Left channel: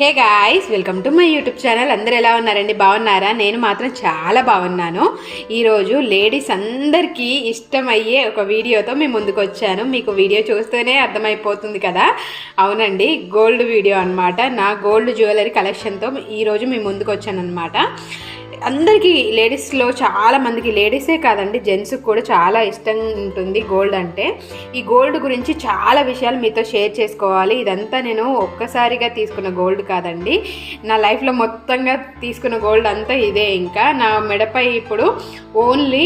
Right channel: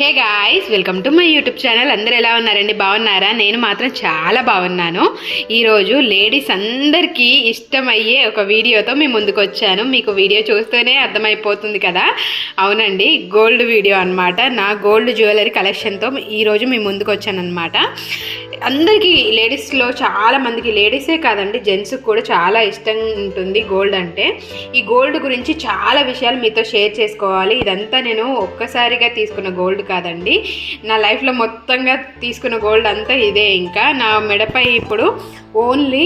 Hey guys welcome to my YouTube channel. అందరు ఎలా ఉన్నారండి? బాగున్నారా? నేను మాత్రం చాలా బాగున్నాను. ఈరోజు లేడీస్ అందరికీ ఇష్టమయ్యే ఒక వీడియోతో మీ ముందుకు వచ్చాను. మీకు వీడియో చూస్తేనే అర్థమైపోతుంది కదా? అవునండి గోల్డ్ వీడియో అన్నమాట. నా గోల్డ్ జ్యువెలరీ కలెక్షన్తో ఈరోజు మీ ముందుకు వచ్చాను అనమాట అందరికీ లేడీస్లో చాలా మందికి లేడీసే కాదండి జెంట్స్కి కూడా చాలా ఇష్టం ఉంటుంది గోల్డ్ అంటే. ఈ గోల్డ్ గురించి చాలా విషయాలు మీతో షేర్ చేసుకోవాలి. ఇదంతా నేను ఒక్కసారిగా తీసుకున్న గోల్డ్ కాదండి. నా లైఫ్లో మొత్తంగా తీసుకున్న గోల్డ్ అంతా ఇదే ఇంకా. నా మెడపై ఇప్పుడు ఓన్లీ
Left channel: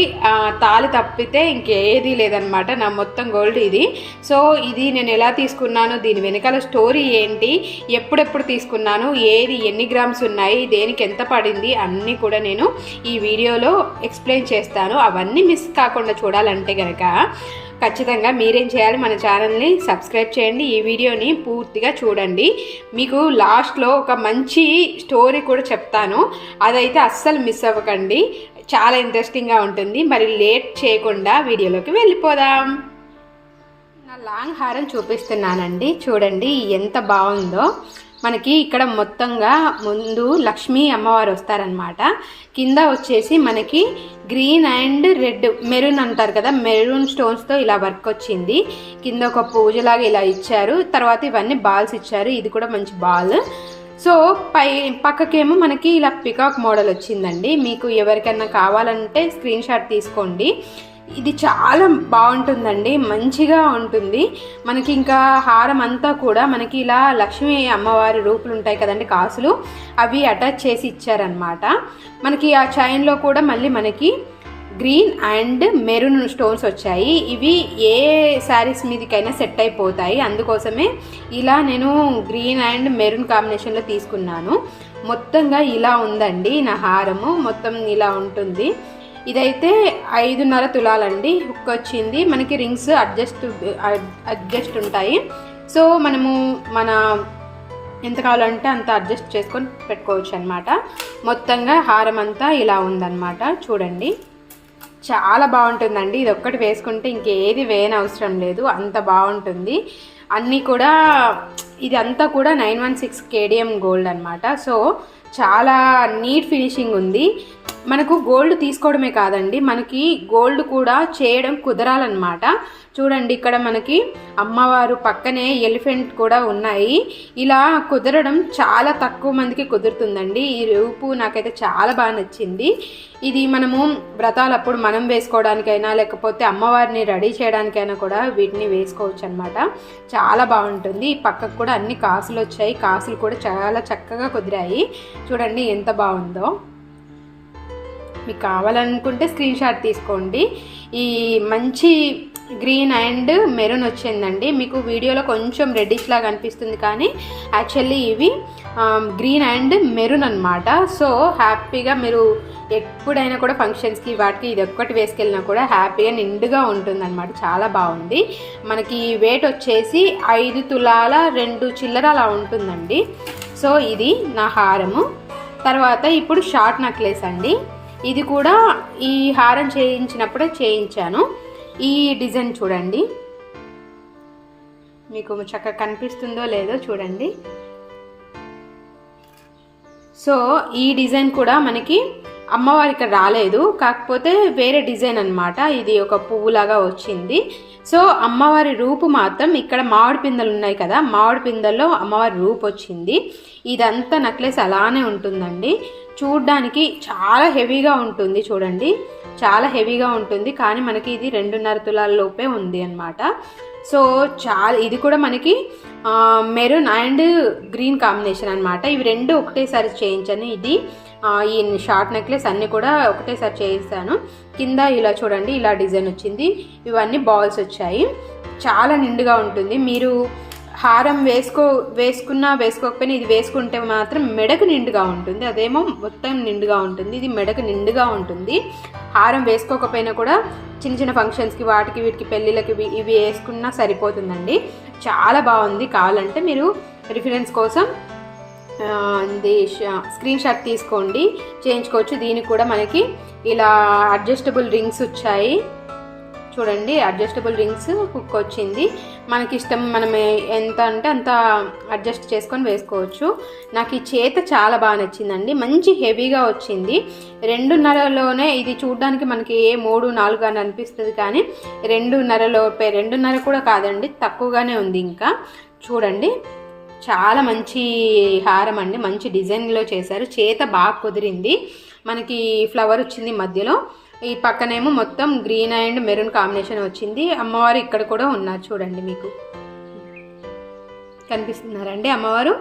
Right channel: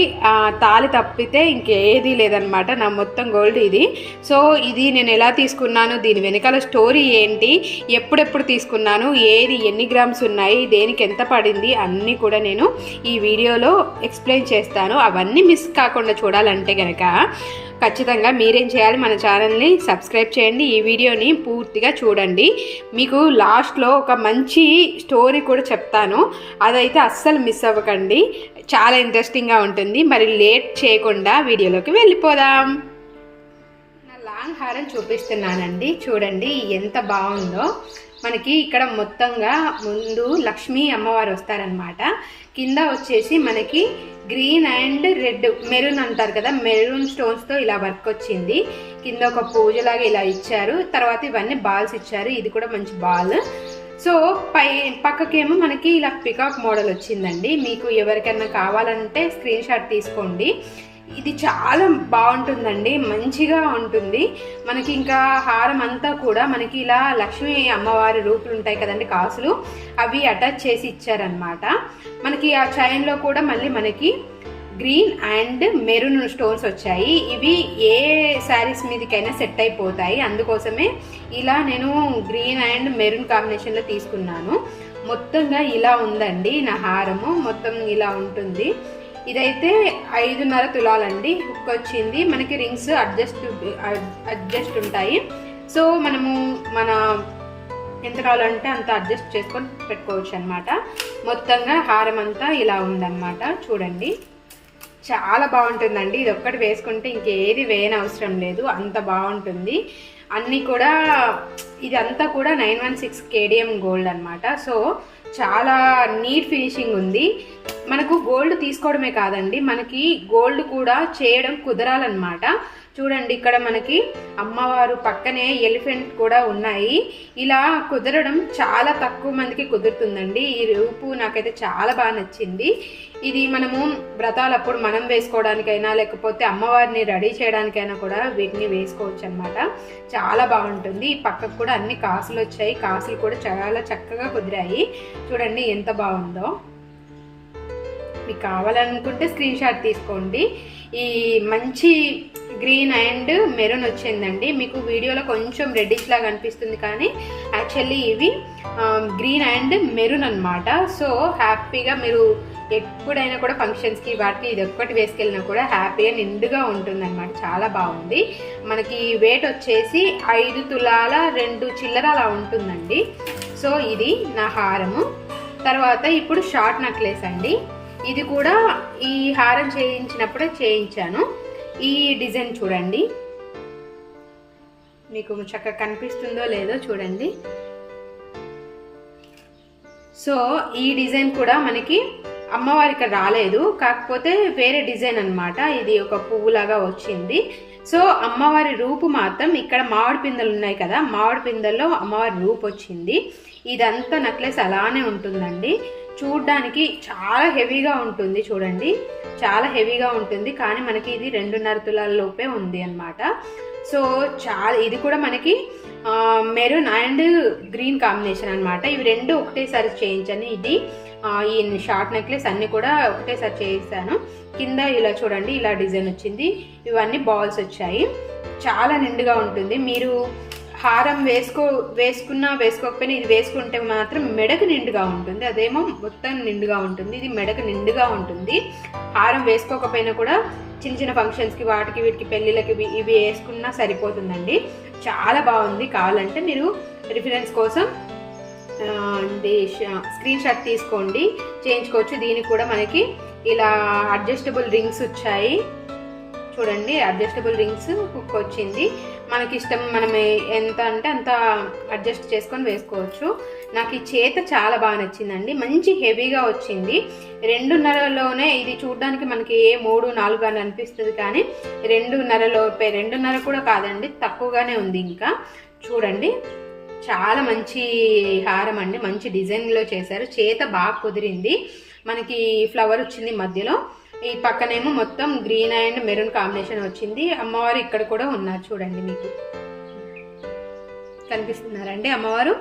తాలి తప్పితే ఇంకేది లేదనమాట నా మొత్తం గోల్డ్ ఇది. సో ఇది నేను ఎలా తీసుకున్నాను? దీని వెనకాల స్టోరీ ఏంటి? ఎప్పుడెప్పుడు తీసుకున్నాను? ఏది? ఎన్ని గ్రామ్స్ ఉన్నాయి? దేనికి ఎంత పడింది? అన్నీ కూడా నేను ఈ వీడియోలో ఎక్స్ప్లెయిన్ చేస్తాను. అవన్నీ మిస్ కాకుండా చూడాలంటే కనుక ఖచ్చితంగా మీరేం చేయాలి మన ఛానల్ని సబ్స్క్రైబ్ చేయండి ఈ వీడియోని పూర్తిగా చూడండి. మీకు లాస్ట్లో ఒక మంచి స్టోరీ కూడా చెప్తాను. అదైతే అస్సలు మిస్ అవ్వకండి. చాలా ఇంట్రెస్టింగ్గా ఉంటుంది. మరి లేట్ చేయకుండా వీడియోలోకి వెళ్ళిపోదాం. నా లాంగ్ హారం చూపిస్తున్నానండి. చూడండి ఎంత బాగుందో. మనకి ఇక్కడ మొత్తంగా ముందు లక్ష్మీ అమ్మవారు వస్తారనమాట కింద వచ్చేసి మనకి గ్రీన్ అండ్ రెడ్ మెరూన్ అంటారు కదా మెరూన్ స్టోన్స్తో ఇలా వర్క్ వచ్చింది. కింద ఒక పూజలాగా ఇలా ఇచ్చారు. తర్వాత ఇవన్నీ బాల్స్ ఇచ్చారు. ఇది కూడా మంచి బాల్ సో పై పక్కకేమో మనకి ఇలా పికాక్ మోడల్ వచ్చిందండి. మీకు ఎవరికైనా కావాలంటే స్క్రీన్ షాట్ తీసుకోండి. ఇది చాలా బాగుంటుందండి మంచిగా ఉంటుంది. మనకి ఇంకా హారం అంతా కూడా మనకి ఇలా లక్ష్మీ అమ్మవారి రూపులు ఉంటాయి కదండి కాసులు అవి అటాచ్ చేసి ఇచ్చారనమాట మనకి ఆ చైన్లో కూడా మళ్ళీ మనకి గ్రీన్ అండ్ మెరూన్ స్టోన్స్ వచ్చాయి. ఇవి ఏ శారీస్ మీదకైనా సెట్ అయిపోతాయి. అందుకోసమే ఇలా నేను గ్రీన్ అండ్ మెరూన్ కాంబినేషన్లో తీసుకున్నాను. మొత్తంగా ఇలా ఉందండి నా హారము. మొత్తం ఇలా ఉంటుంది. ఇదైతే ఐదున్నర తులాలండి. హుక్ వచ్చింది మనకి రింగ్స్ అడ్జస్ట్ అడ్జస్ట్ ఉంటాయి. సో మనము మన ఎంత కావాలంటే అంత అడ్జస్ట్ చేసుకొని పెట్టుకోవచ్చు అనమాట మొత్తంగా హారం అంతా ఇలా ఉందన్నమాట. చూడండి. చాలా బాగుంటుందండి. ఇది ఒక్కటి వేసుకుంటే ఇంకేది వేయని అవసరం లేదు. అంత బాగుంటుంది. అన్నీ కూడా ఇది అంతా కూడా nine one six KDM gold అనమాట సో చాలా నీట్ ఫినిషింగ్ ఉంది. మనకు గోల్డ్ తీసుకోవడమే కాదండి. మనకి గోల్డ్ కూడా చేయడం కుదరాలన్నమాట. చూడండి ఇక్కడ మనకి అమ్మవారు పక్కనే ఎలిఫెంట్ కూడా ఉన్నాయి. ఇలా కుదరడం చాలా తక్కువ మందికి కుదురుతుందండి. ఈ రూపు నాకైతే చాలా బాగా నచ్చింది. ఇది మనము వ్రతాలప్పుడు మనం వేసుకోవడానికైనా లేకపోతే అమ్మవారిని రెడీ చేయడానికైనా కూడా వీటిని వేసుకోవచ్చు అనమాట చాలా బాగుంటుంది. ఈ పక్కకు కూడా అన్ని కాసులు వచ్చాయి. కాసులు కూడా చాలా చక్కగా కుదిరాయి. చూడండి ఎంత బాగుందో. మీకు కావాలనుకుంటే స్క్రీన్ షాట్ తీసుకోండి. ఈ మంచి గ్రీన్ అండ్ మెరూన్ వచ్చిందండి. మీకు వీడియోలో కొంచెం రెడ్డిష్ లాగా అనిపిస్తుంది కానీ యాక్చువల్లీ ఇవి um, గ్రీన్ అండ్ మెరూన్ అనమాట సో హ్యాపీగా మీరు ఎప్పుడైనా కూడా ఫంక్షన్స్కి వాటికి ఇది ఒక్కటి వేసుకెళ్ళినా కూడా హ్యాపీగా నిండుగా ఉంటుందన్నమాట. చాలా బాగుంది. మనకి వెయిట్ వచ్చేసి ఐదు తులాల రెండు చిల్లర అలా ఉంటుందండి. సో ఇది నా హారము. తర్వాత ఇప్పుడు షార్ట్ నెక్లెస్ అండి. ఇది కూడా ఈ హారం చేయించినప్పుడే చేయించాను. ఈ డిజైన్ చూడండి. మీకు చక్కగా కనిపిస్తుందో లేదో చూడండి. సో ఈ డిజైన్ కూడా మనకి అమ్మవారికి రాలేదు. కాకపోతే వేరే డిజైన్ అనమాట ఇది ఒక పువ్వులాగా వచ్చింది. సో అమ్మవారి రూపు మాత్రం ఇక్కడ మామిడి పిందెలు ఉన్నాయి కదా. మామిడి పిందల్లో అమ్మవారి రూపు వచ్చింది. ఇదంతా నెక్లెస్ అలానే ఉంటుందండి. చూడ్డానికి చాలా హెవీగా ఉంటుంది చూడండి. చాలా హెవీగా ఉంటుంది. కానీ మనకి ఇది రెండున్నర తులాల లోపే ఉంది అనమాట సో చాలా ఇది కూడా మనకి మెరూన్ అండ్ గ్రీన్ కాంబినేషన్ అనమాట ఇవి రెండు ఒకటేసారి చేయించాను ఇది ఈ షార్ట్ నెక్లెస్ అన్నీ కూడా ఒకటేసారి చేయిస్తాను. కింద ఇలా చూడండి ఇలా డిజైన్ వచ్చింది. ఇవన్నీ బాల్స్ వచ్చాయి. చాలా నిండుగా ఉంటుంది. మీరు హారం వేసుకో వేసుకున్నా వేసుకోకపోయినా ఇది వేసుకుంటే మాత్రం మెడకు నిండుగా ఉంటుంది. అదేమో మొత్తం నిండుగా ఉంటుంది. ఇది మెడకు నిండుగా ఉంటుంది. హారం వేసుకోకపోయినా కూడా చిన్న చిన్న ఫంక్షన్స్కి వాటికి వీటికి పెళ్ళిళ్ళకి ఇవి వేసుకున్నా సరిపోతుందండి. చాలా బాగుంది కావాలంటే మీరు రిఫరెన్స్ కోసం ఇది స్క్రీన్ షాట్ తీసుకోండి. చేయించుకోవచ్చు. దీనికి కూడా మనకి ఇలా అడ్జస్టబుల్ రింగ్స్ వచ్చాయి. చూడండి అడ్జస్టబుల్ రింగ్స్ కుక్ వచ్చింది. మనకి ఇష్టం మనం ఎంత అంటే అంత అడ్జస్ట్ చేసుకొని వేసుకోవచ్చు. నాకు ఈ చేత చాలా బాగా నచ్చిందండి. మంచి హెవీగా వచ్చింది. రెండున్నరలోనే ఇది చూడడానికి మనకి ఏ మూడు నాలుగు అని అనిపిస్తుంది కానీ రెండున్నరలో రెండున్నర కూడా కాదండి తక్కువగానే ఉంది ఇంకా. చూడండి చాలా మంచి హారం అండి. మంచి డిజైన్లో చేశారు. చేత బాగా కుదిరింది. మనకి ఫ్లవర్ వచ్చింది మధ్యలో. ఈ పక్కనేమో మొత్తం గ్రీన్ అండ్ మెరూన్ కాంబినేషన్ వచ్చింది. అమ్మవారు ఇక్కడ కూడా ఉన్నారు చూడండి మీకు. కనిపిస్తున్నారండి అమ్మవారు?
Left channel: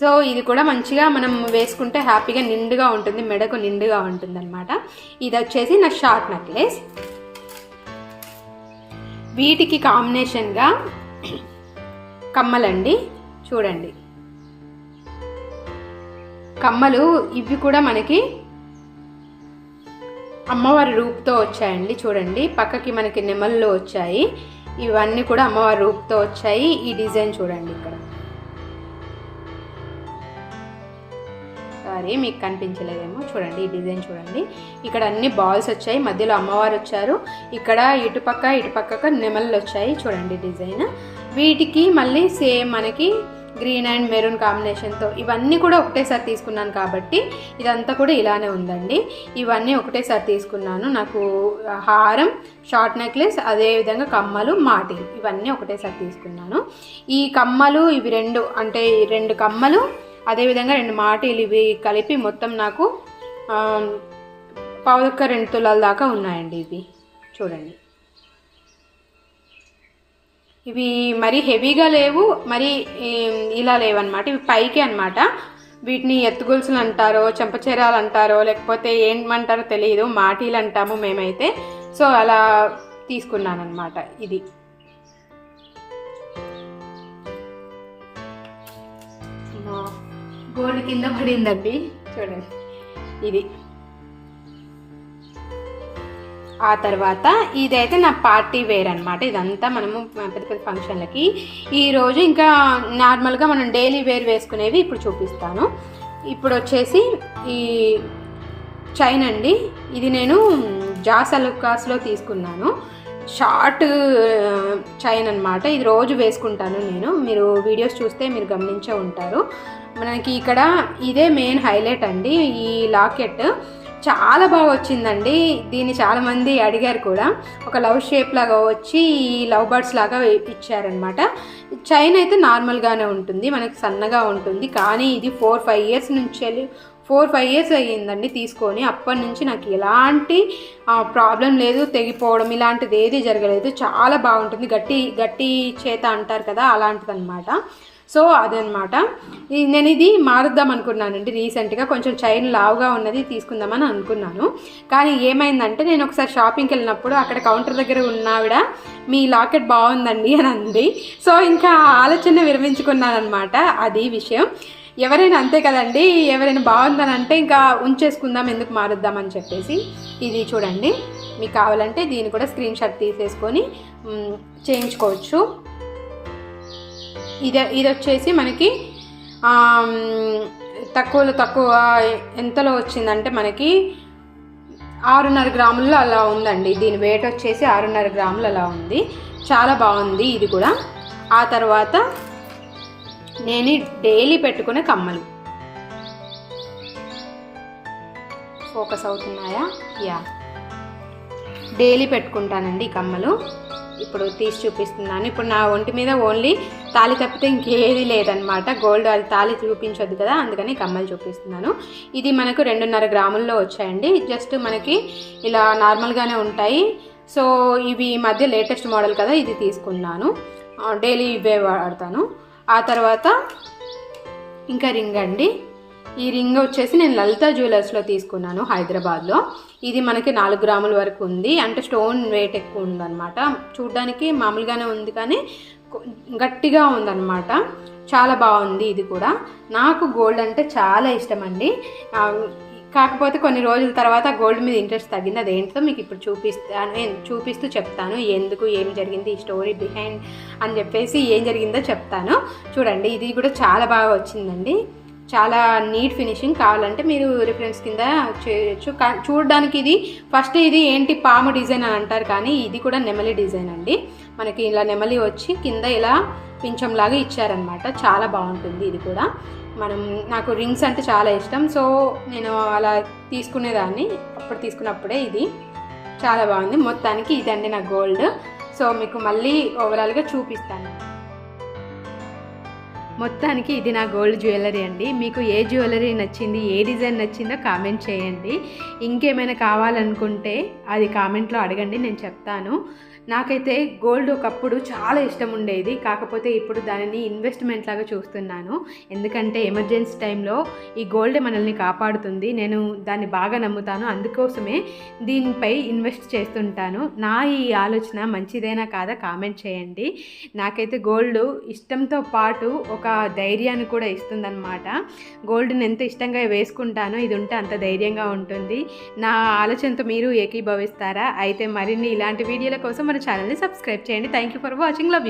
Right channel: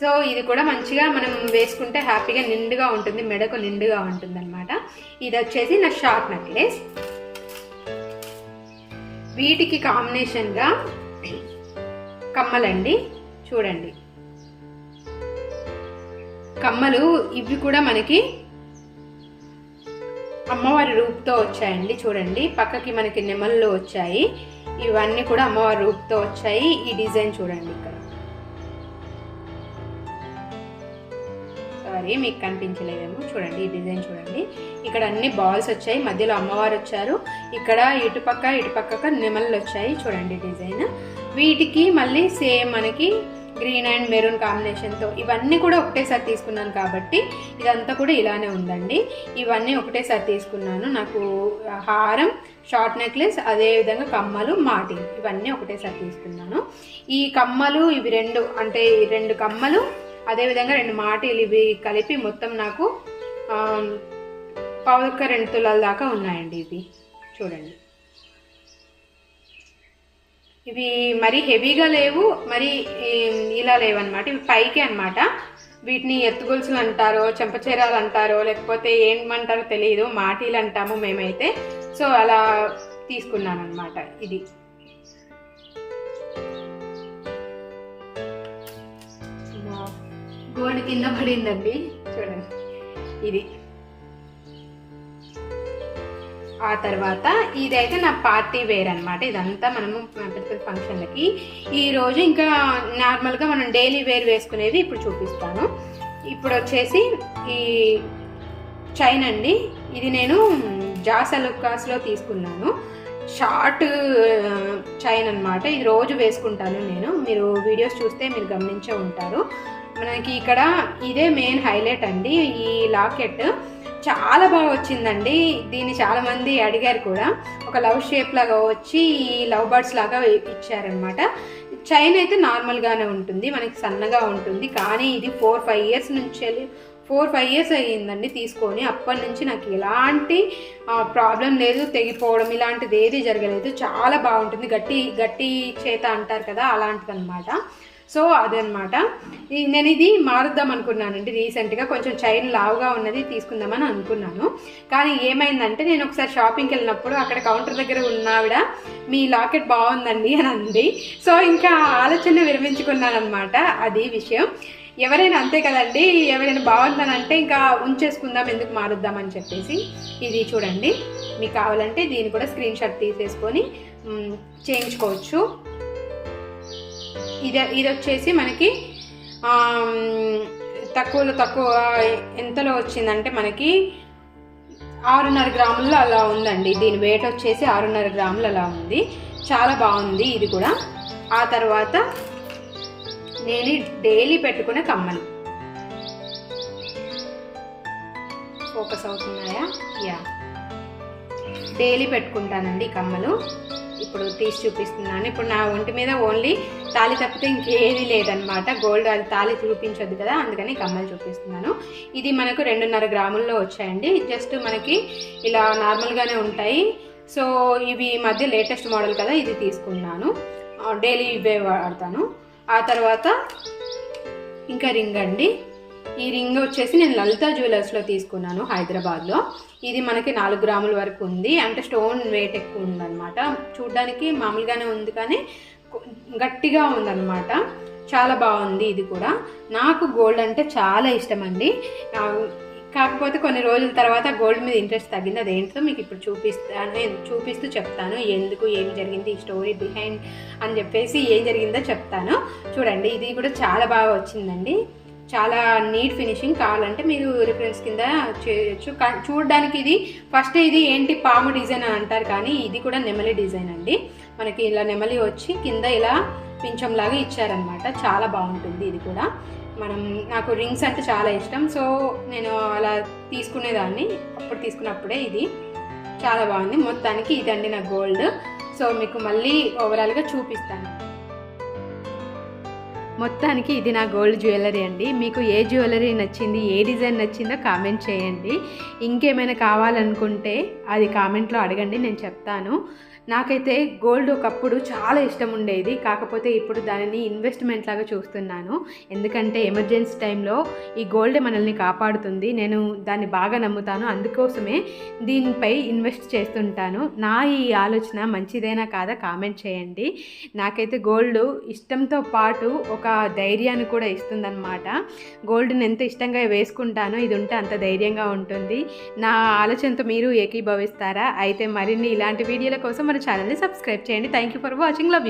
సో ఇది కూడా మంచిగా మనం వేసుకుంటే హ్యాపీగా నిండుగా ఉంటుంది మెడకు నిండుగా ఉంటుంది అనమాట ఇది వచ్చేసి నా షార్ట్ నెక్లెస్. వీటికి కాంబినేషన్గా కమ్మలండి. చూడండి. కమ్మలు ఇవి కూడా మనకి అమ్మవారి రూపుతో వచ్చాయండి చూడండి. పక్కకి మనకి నెమళ్ళు వచ్చాయి. ఇవన్నీ కూడా అమ్మవారి రూపుతో వచ్చాయి. ఈ డిజైన్ చూడండి ఇక్కడ. సారీ మీకు కనిపించలేదేమో. చూడండి ఈ డిజైన్ చూడండి. ఇక్కడ అన్ని బాల్స్ వచ్చాయి. మధ్యలో అమ్మవారు వచ్చారు. ఇక్కడ ఇటుపక్క ఇటుపక్క నెమళ్ళు వచ్చాయి. చూడండి డిజైన్. వీటికి మళ్ళీ సేమ్ మనకి గ్రీన్ అండ్ మెరూన్ కాంబినేషన్తో ఇవన్నీ కూడా ఒకటేసారి తీసుకున్నాను కాబట్టి ఇదంతా కూడా ఇలానే ఉందండి. ఇవన్నీ ఒకటేసారి తీసుకున్నాను. నాకు హారం షార్ట్ నెక్లెస్ అదేవిధంగా కమ్మలు మాటిల్ ఇవన్నీ ఒకటేసారి తీసుకున్నాను. ఈ కమ్మలు ఇవి రెండు అంటే రెండు కమ్మలు అదేవిధంగా రెండు మాటిలు ఇవి కలిపి మొత్తం నాకు పావుక రెండు తులాల దాకా ఉన్నాయండి ఇవి. చూడండి. ఇవి మరీ హెవీగా లేవు మరి ఇలా లేవన్నమాట. ఇవి పైకి అన్నమాట. వీటిని ఎత్తుగొలుసులు అంటారో చెంపచీరాలు అంటారో లేకపోతే ఏమంటారో తెలియదు మాటీలు అంటాము మేమైతే. సో అలా తీసుకున్నాను అనమాట ఇది గోల్డ్ కింద పడిందండి. చూడండి. ఇది. ఆ తర్వాత ఇదైతే నా పార్టీ వేర్ అనమాట ఇదంతా మనము పెద్ద పెద్ద ఫంక్షన్లకి. ఈరోజు ఇంకా నార్మల్గా మనం డైలీ వేర్ వేసుకునేవి ఇప్పుడు చూపిస్తాను. ఇప్పుడు వచ్చేసి ఈ చైన్ అండి. ఇది నేను జాసలుకాస్లో తీసుకున్నాను. షార్ట్ చైన్ అనమాట ఇది రోజు వేసుకుంటాను నేను. మీరు వీడియోస్ చూస్తే మీరు గమనించే ఉంటారు. మనకి ఇక్కడ ఇదే మెయిన్ హైలైట్ అండి. ఈ లాకెట్. చాలా బాగా వచ్చిందండి. దీన్ని చాలామంది అడిగారు కూడా. ఒక లవ్ షేప్ లాగా వచ్చి ఈ లవ్ బర్డ్స్ లాగా ఇచ్చారనమాట చైన్ అయితే నార్మల్గానే ఉంటుంది. మనకి సన్నగా ఉంటుంది. కానీ ఇది ఫోర్ ఫైవ్ ఇయర్స్ నుంచి వెళ్ళి ఫోర్ ఫైవ్ ఇయర్స్ అయ్యిందండి తీసుకొని. అప్పటి నుంచి నాకు ఎలాంటి ప్రాబ్లం లేదు. తెగిపోవడం ఇలాంటిది ఏది జరగలేదు. చాలా బాగుంటుంది. గట్టి గట్టి చేత అంటారు కదా అలాంటిది అనమాట సో అదనమాట. నేను ఇది మారుద్దాం అనుకున్నానండి రీసెంట్గా. కొంచెం చైన్ లావుగా ఉన్నది తీసుకుందామని అనుకున్నాను. కానీ ఏమైందంటే నేను ఒకసారి షాపింగ్కి వెళ్ళినప్పుడు అక్కడ కౌంటర్ దగ్గర ఉన్నావిడ మీ లాకెట్ బాగుందండి అని అంది. సో ఇంకా ఆలోచన విరమించుకున్నానమాట అనమాట అది విషయం. ఎవరైనా అంతే కదండి ఎవరైనా బాగుందనంటే ఇంకా ఉంచేసుకుందాం ఎందుకు మారుద్దామని చెప్పేసి ఇది చూడండి. మీకు కావాలంటే దీన్ని కూడా స్క్రీన్ షాట్ తీసేసుకొని చేయించుకోవచ్చు. ఇది ఇది వచ్చేసి మనకి తక్కువలో తక్కువ ఎంతలో వచ్చిందంటే మనకి ఆరున్నర గ్రాముల్లో అలా ఉందండి. దీని వెయిట్ వచ్చేసి ఆరున్నర గ్రాములు అలా ఉంది. చాలా బాగుంది ఇది కూడా. ఆ తర్వాత నేను డైలీ పెట్టుకునే కమ్మలు. ఫోకస్ అవుతున్నాయా? యా డైలీ పెట్టుకుంటానండి ఈ కమ్మలు. ఇప్పుడు తీసి చూపిస్తున్నాను. ఇప్పుడు నా ఒంటి మీద ఓన్లీ తాళి తప్పితే ఇంకేది లేదనమాట గోల్డ్ అది తాళి చూపించొద్దు కదా అందుకని కమ్మలు చూపిస్తున్నాను. ఇది మనకు రెండున్నర గ్రాముల్లో వచ్చాయండి. జస్ట్ మనకి ఇలా నార్మల్గానే ఉంటాయి. సో ఇవి ఈ మధ్య లేటెస్ట్ మోడల్ కదా ఇది తీసుకున్నాను. డైలీ ఇవే వాడతాను. ఆ తర్వాత ఇంకా రింగ్ అండి. ఈ రింగ్ వచ్చేసి నేను లలిత జ్యువెలర్స్లో తీసుకున్నాను హైదరాబాద్లో ఇది మనకి నాలుగు గ్రాముల వరకు ఉంది. అంటే స్టోన్ వెయిట్ ఎక్కువ ఉందన్నమాట. చూడ్డానికి మామూలుగానే ఉంది కానీ గట్టిగా ఉందన్నమాట. చాలా బాగుంది ఇది కూడా. నాకు గోల్డ్ అంటే చాలా ఇష్టం అండి. కాకపోతే కొన్ని రోజుల తర్వాత గోల్డ్ మీద ఇంట్రెస్ట్ తగ్గింది. అదేంటో మీకు ఇప్పుడు చూపిస్తాను. చూపిస్తూ చెప్తాను. ఎందుకు ఏం జరిగింది ఈ స్టోరీ బిహైండ్ అని చెప్పేసి ఏం జరిగిందో చెప్తాను. చూడండి ఇది కూడా చాలా బాగా వచ్చిందండి. చాలా నీట్ ఫినిషింగ్ కావాలంటే మీరు రిఫరెన్స్ కింద చేయొచ్చు. చూడడానికి ఇది ఫస్ట్ ఇది ఏంటి పాము డిజైన్ అని అంటారు కానీ ఇది కూడా నెమలి డిజైన్ అండి. మనకి ఇలా నెమలి వచ్చి కింద ఇలా పించంలాగా ఇచ్చారనమాట చాలా బాగుంటుంది ఇది కూడా. మనం నాకు రింగ్స్ అంటే చాలా ఇష్టం. సో నేను అలా తీసుకునేదాన్ని. అప్పుడు తీసుకున్నప్పుడే ఇది చాలా బాగుంది. మొత్తానికి ఇదండి నా గోల్డ్ సో మీకు మళ్ళీ ఓవరాల్గా చూపిస్తాను. మొత్తానికి ఇది నా గోల్డ్ జ్యువెలరీ అండి. మీకు ఏ జ్యువెలరీ నచ్చింది ఏ డిజైన్ నచ్చిందో కామెంట్ చేయండి. ఇంకేమైనా కావాలనుకుంటే అది కామెంట్లో అడగండి నేను చెప్తాను. నాకైతే గోల్డ్ ఒకప్పుడు చాలా ఇష్టం ఉండేది. కాకపోతే ఇప్పుడు దానిని ఇన్వెస్ట్మెంట్ లాగా చూస్తున్నాను. ఎందుకంటే ఎమర్జెన్సీ టైంలో ఈ గోల్డ్ మనల్ని కాపాడుతుంది. నేను దాన్ని బాగా నమ్ముతాను. అందుకోసమే దీనిపై ఇన్వెస్ట్ చేస్తుంటాను. నా ఈ ఆలోచన మంచిదేనా కాదా కామెంట్ చేయండి. నాకైతే గోల్డ్ ఇష్టంతో పాటు ఒక ధైర్యాన్ని కూడా ఇస్తుందన్నమాట. గోల్డ్ని ఎంత ఇష్టంగా వేసుకుంటానో ఇది ఉంటే అంత ధైర్యంగా ఉంటుంది. నా ఆలోచనతో మీరు ఏకీభవిస్తారా? అయితే మరిన్ని ఇలాంటి వీడియోల కోసం మన ఛానల్ని సబ్స్క్రైబ్ చేయండి. Thank you for watching love you